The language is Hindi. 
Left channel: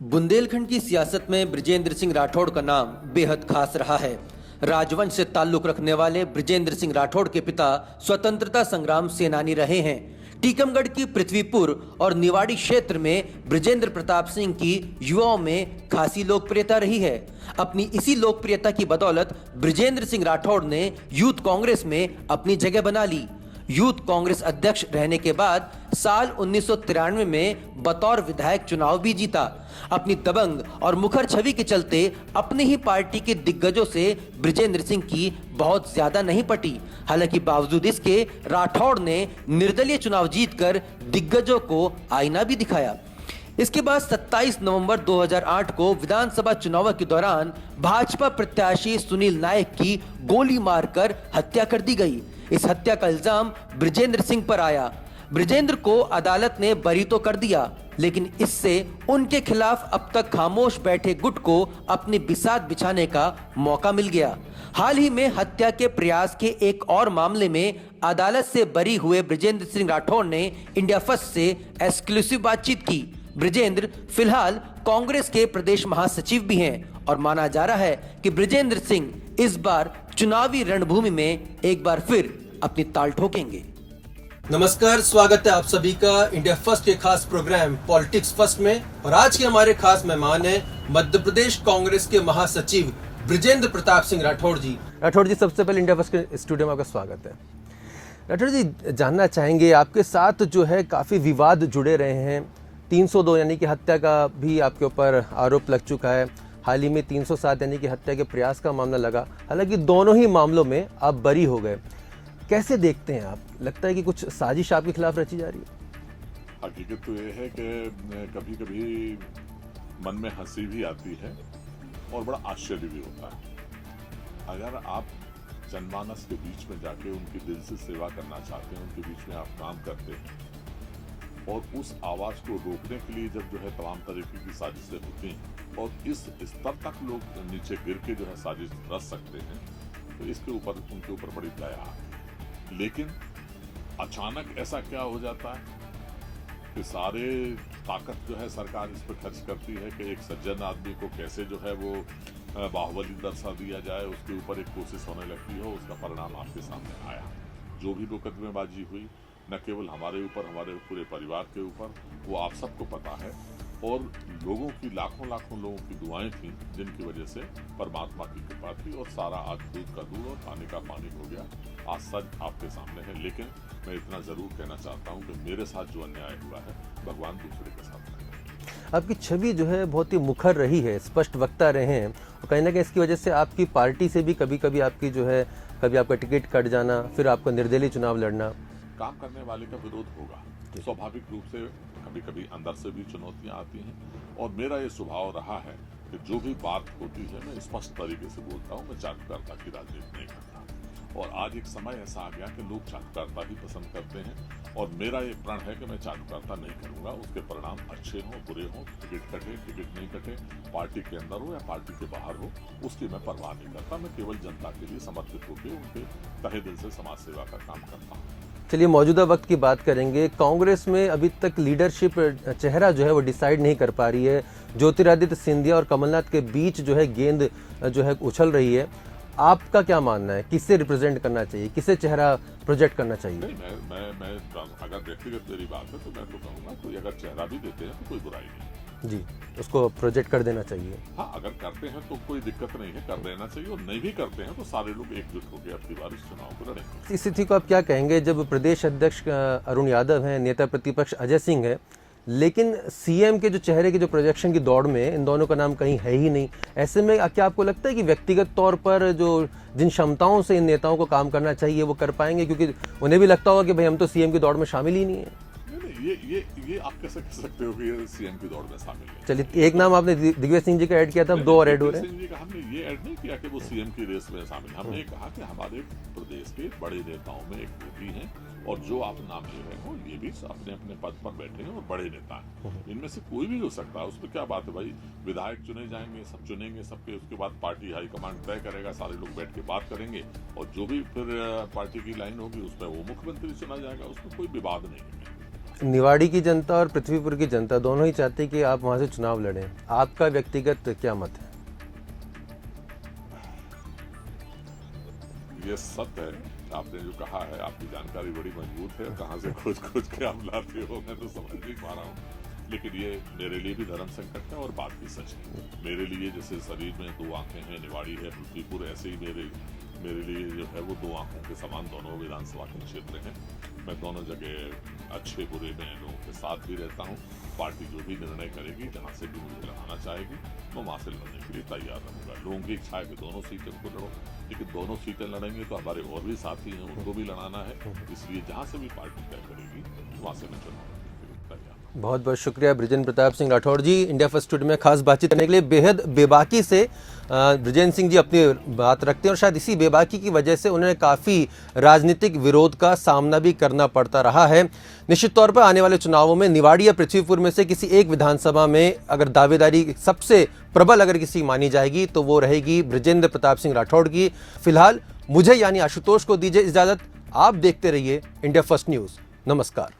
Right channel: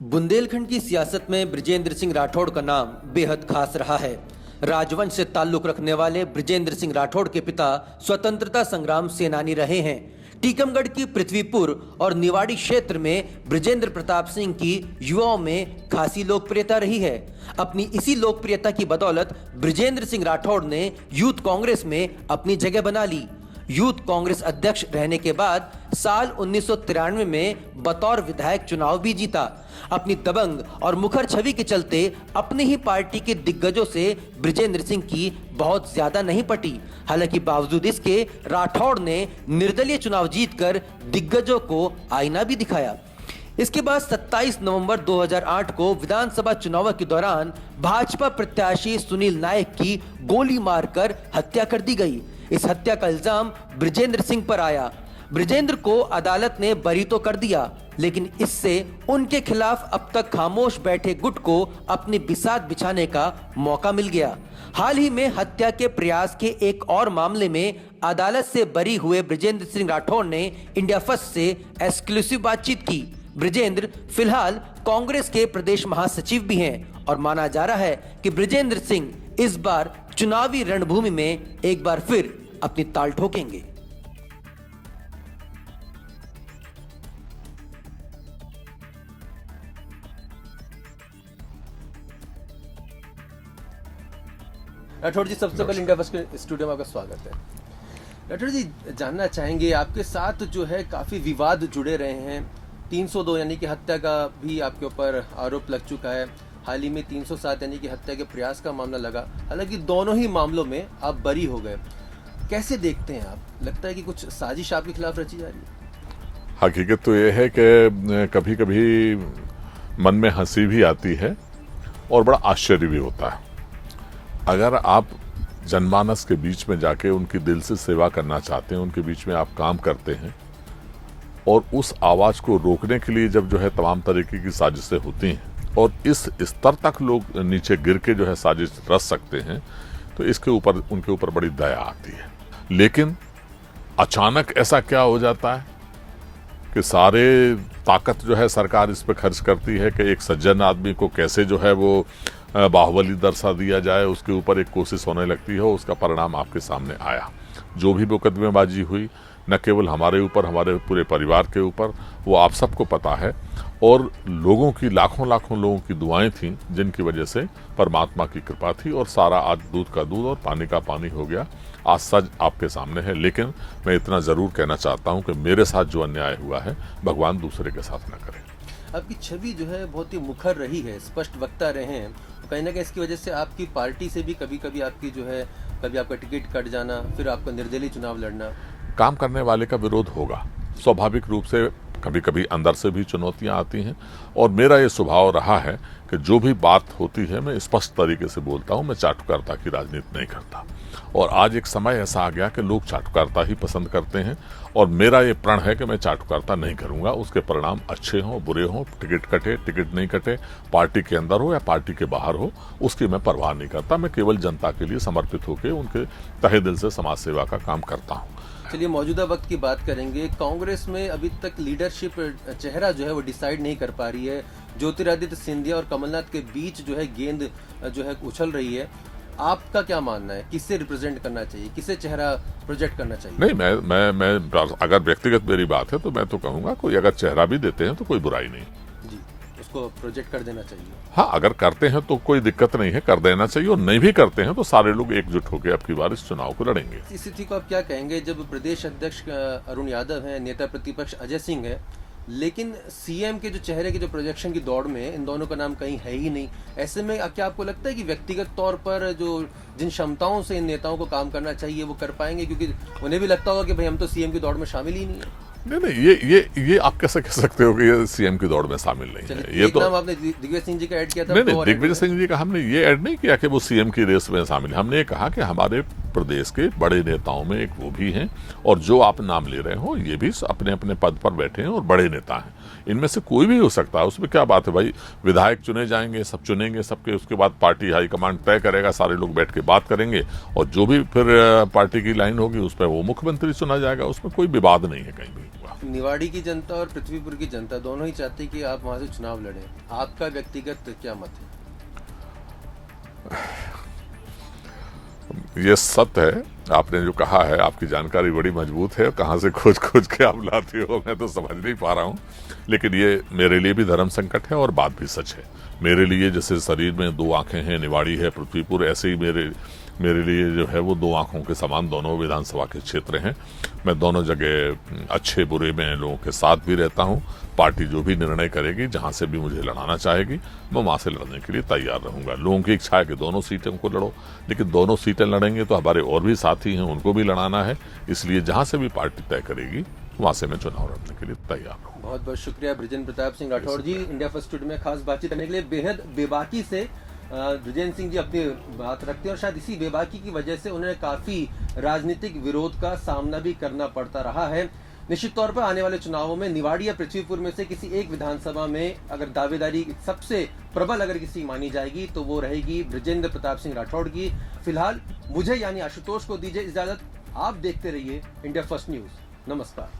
बुंदेलखंड की सियासत में बृजेंद्र सिंह राठौड़ का नाम बेहद खास रहा है। राजवंश से ताल्लुक रखने वाले बृजेंद्र सिंह राठौड़ के पिता स्वतंत्रता संग्राम सेनानी रहे हैं। टीकमगढ़ की पृथ्वीपुर और निवाड़ी क्षेत्र में बृजेंद्र प्रताप सिंह की युवाओं में खासी लोकप्रियता रही है। अपनी इसी लोकप्रियता की बदौलत बृजेंद्र सिंह राठौड़ ने यूथ कांग्रेस में अपनी जगह बना ली। यूथ कांग्रेस अध्यक्ष रहने के बाद साल 1993 में बतौर विधायक चुनाव भी जीता। अपनी दबंग और मुखर छवि के चलते अपनी ही पार्टी के दिग्गजों से बृजेंद्र सिंह की बहुत ज्यादा नहीं पटी। हालांकि बावजूद इसके राठौड़ ने निर्दलीय चुनाव जीतकर दिग्गजों को आईना भी दिखाया। इसके बाद 27 नवंबर 2008 को विधानसभा चुनाव के दौरान भाजपा प्रत्याशी सुनील नायक की गोली मारकर हत्या कर दी गई। इस हत्या का इल्जाम बृजेंद्र सिंह पर आया। बृजेंद्र को अदालत ने बरी तो कर दिया, लेकिन इससे उनके खिलाफ अब तक खामोश बैठे गुट को अपनी बिसात बिछाने का मौका मिल गया। हाल ही में हत्या के प्रयास के एक और मामले में अदालत से बरी हुए बृजेंद्र सिंह राठौड़ ने इंडिया फर्स्ट से एक्सक्लूसिव बातचीत की। बृजेंद्र फिलहाल कांग्रेस के प्रदेश महासचिव भी हैं और माना जा रहा है कि बृजेंद्र सिंह इस बार चुनावी रणभूमि में एक बार फिर अपनी ताल ठोकेंगे। नमस्कार, स्वागत है आप सभी का इंडिया फर्स्ट के खास प्रोग्राम पॉलिटिक्स फर्स्ट में। और आज के हमारे खास मेहमान हैं मध्य प्रदेश कांग्रेस के महासचिव बृजेंद्र प्रताप सिंह राठौड़ जी। राठौड़ जी, सबसे पहले इंडिया फर्स्ट के स्टूडियो में आपका स्वागत है। राठौड़ जी, जानना चाहेंगे आपके साथ जो है काफी विवाद जुड़े रहे हैं। 302 यानी कि हत्या का भी आपके ऊपर आरोप लग चुका है। हाल ही में 307 यानी कि हत्या के प्रयास का मामला लगा। हालांकि दोनों ही मामलों में आप बरी हो गए। कैसे देखते हैं आप? लगता है कि कुछ साजिश आपके खिलाफ रची जा रही है? हकीकत तो ये है कि कभी कभी मन में हंसी भी आती है और बड़ा आश्चर्य भी होता है। अगर आप जनमानस के बीच में जाके उनकी दिल से सेवा करना चाहते हैं, उनके बीच में आप काम करते हैं और उस आवाज को रोकने के लिए जब जो है तमाम तरीके की साजिशें होती हैं और इस स्तर तक लोग नीचे गिर के जो है साजिश रच सकते हैं, तो इसके ऊपर उनके ऊपर बड़ी दया आती है। लेकिन अचानक ऐसा क्या हो जाता है कि सारे ताकत जो है सरकार इस पे खर्च करती है कि एक सज्जन आदमी को कैसे जो है वो बाहुबली दर्शा दिया जाए, उसके ऊपर एक कोशिश होने लगती है। उसका परिणाम आपके सामने आया। जो भी मुकदमेबाजी हुई, न केवल हमारे ऊपर, हमारे पूरे परिवार के ऊपर, वो आप सबको पता है। और लोगों की लाखों लोगों की दुआएं थीं, जिनकी वजह से परमात्मा की कृपा थी और सारा आज दूध का दूध और पानी का पानी हो गया। आज सच आपके सामने है। लेकिन मैं इतना जरूर कहना चाहता हूं कि मेरे साथ जो अन्याय हुआ है, भगवान दूसरे के साथ न करे। आपकी छवि जो है बहुत ही मुखर रही है, स्पष्ट वक्ता रहे हैं। कहीं ना कहीं इसकी वजह से आपकी पार्टी से भी कभी कभी आपकी जो है, कभी आपका टिकट कट जाना, फिर आपका निर्दलीय चुनाव लड़ना। काम करने वाले का विरोध होगा स्वाभाविक रूप से। कभी कभी अंदर से भी चुनौतियां आती हैं और मेरा ये स्वभाव रहा है कि जो भी बात होती है मैं स्पष्ट तरीके से बोलता हूं। मैं चाटुकारिता की राजनीति नहीं करता। और आज एक समय ऐसा आ गया कि लोग चाटुकारिता ही पसंद करते हैं और मेरा ये प्रण है कि मैं चाटुकारिता नहीं करूंगा। उसके परिणाम अच्छे हों बुरे हों, टिकट कटे टिकट नहीं कटे, पार्टी के अंदर हो या पार्टी के बाहर हो, उसकी मैं परवाह नहीं करता। मैं केवल जनता के लिए समर्पित होकर उनके तहे दिल से समाज सेवा का काम करता हूँ। चलिए, मौजूदा वक्त की बात करेंगे। कांग्रेस में अभी तक लीडरशिप चेहरा जो है वो डिसाइड नहीं कर पा रही है। ज्योतिरादित्य सिंधिया और कमलनाथ के बीच जो है गेंद जो है उछल रही है। आपका क्या मानना है? किसे रिप्रेजेंट करना चाहिए, किसे चेहरा प्रोजेक्ट करना चाहिए? नहीं, मैं अगर व्यक्तिगत मेरी बात है तो मैं तो कहूंगा कोई अगर चेहरा भी देते हैं तो कोई बुराई नहीं जी, उसको प्रोजेक्ट कर देना चाहिए। हाँ, अगर करते हैं तो कोई दिक्कत नहीं है, कर देना चाहिए। और नहीं भी करते हैं तो सारे लोग एकजुट होकर अब की बार इस चुनाव को लड़ेंगे। इस स्थिति को आप क्या कहेंगे जब प्रदेश अध्यक्ष अरुण यादव हैं, नेता प्रतिपक्ष अजय सिंह है, लेकिन सीएम के जो चेहरे की जो प्रोजेक्शन की दौड़ में इन दोनों का नाम कहीं है ही नहीं। ऐसे में क्या आपको लगता है कि व्यक्तिगत तौर पर जो जिन क्षमताओं से इन नेताओं को काम करना चाहिए वो कर पाएंगे? क्योंकि उन्हें भी लगता होगा कि भाई हम तो सीएम की दौड़ में शामिल ही नहीं है। नहीं, ये आप कैसे कह सकते हो कि ये सीएम की दौड़ में शामिल नहीं है? एक नाम आपने दिग्विजय सिंह जी का ऐड किया था। दिग्विजय सिंह जी का हमने ये ऐड नहीं किया कि वो सीएम की रेस में शामिल है। हमने ये कहा कि हमारे प्रदेश के बड़े नेताओं में एक वो भी हैं और जो आप नाम ले रहे हो ये भी अपने अपने पद पर बैठे हैं और बड़े नेता हैं। इनमें से कोई भी हो सकता है, उसमें क्या बात है भाई। विधायक चुने जाएंगे, सब चुनेंगे सबके, उसके बाद पार्टी हाईकमांड तय करेगा, सारे लोग बैठ के बात करेंगे और जो भी फिर पार्टी की लाइन होगी उस पर वो मुख्यमंत्री चुना जाएगा। उसमें कोई विवाद नहीं है कहीं भी। निवाड़ी की जनता और पृथ्वीपुर की जनता दोनों ही चाहते हैं कि आप वहां से चुनाव लड़ें। आपका व्यक्तिगत क्या मत है? ये सत्य है, आपने जो कहा है, आपकी जानकारी बड़ी मजबूत है। कहाँ से खोज खोज के आप लाते हो मैं तो समझ नहीं पा रहा हूँ, लेकिन ये मेरे लिए भी धर्म संकट है और बात भी सच है। मेरे लिए जैसे शरीर में दो आंखें हैं, निवाड़ी है, पृथ्वीपुर, ऐसे ही मेरे लिए जो है वो दो आंखों के समान दोनों विधानसभा के क्षेत्र हैं। मैं दोनों जगह अच्छे बुरे में लोगों के साथ भी रहता हूं। पार्टी जो भी निर्णय करेगी, जहां से भी मुझे लड़ाना चाहेगी, मैं वहां से लड़ने के लिए तैयार रहूंगा। लोगों की इच्छा है कि दोनों सीटें को लड़ो, लेकिन दोनों सीटें लड़ेंगे तो हमारे और भी साथी हैं, उनको भी लड़ाना है। इसलिए जहां से भी पार्टी तय करेगी वहां से मैं चुनाव लड़ने के लिए तैयार हूँ। बहुत बहुत शुक्रिया बृजेंद्र प्रताप सिंह राठौड़ जी, इंडिया फर्स्ट स्टूडियो में खास बातचीत करने के लिए। बेहद बेबाकी से बृजेंद्र सिंह जी अपनी बात रखते हैं और शायद इसी बेबाकी की वजह से उन्हें काफ़ी राजनीतिक विरोध का सामना भी करना पड़ता रहा है। निश्चित तौर पर आने वाले चुनावों में निवाड़ी या पृथ्वीपुर में से किसी एक विधानसभा में अगर दावेदारी सबसे प्रबल अगर किसी मानी जाएगी तो वो रहेगी बृजेंद्र प्रताप सिंह राठौड़ की। फिलहाल मुझे यानी आशुतोष को दीजिए इजाजत। आप देखते रहिए इंडिया फर्स्ट न्यूज़। नमस्कार।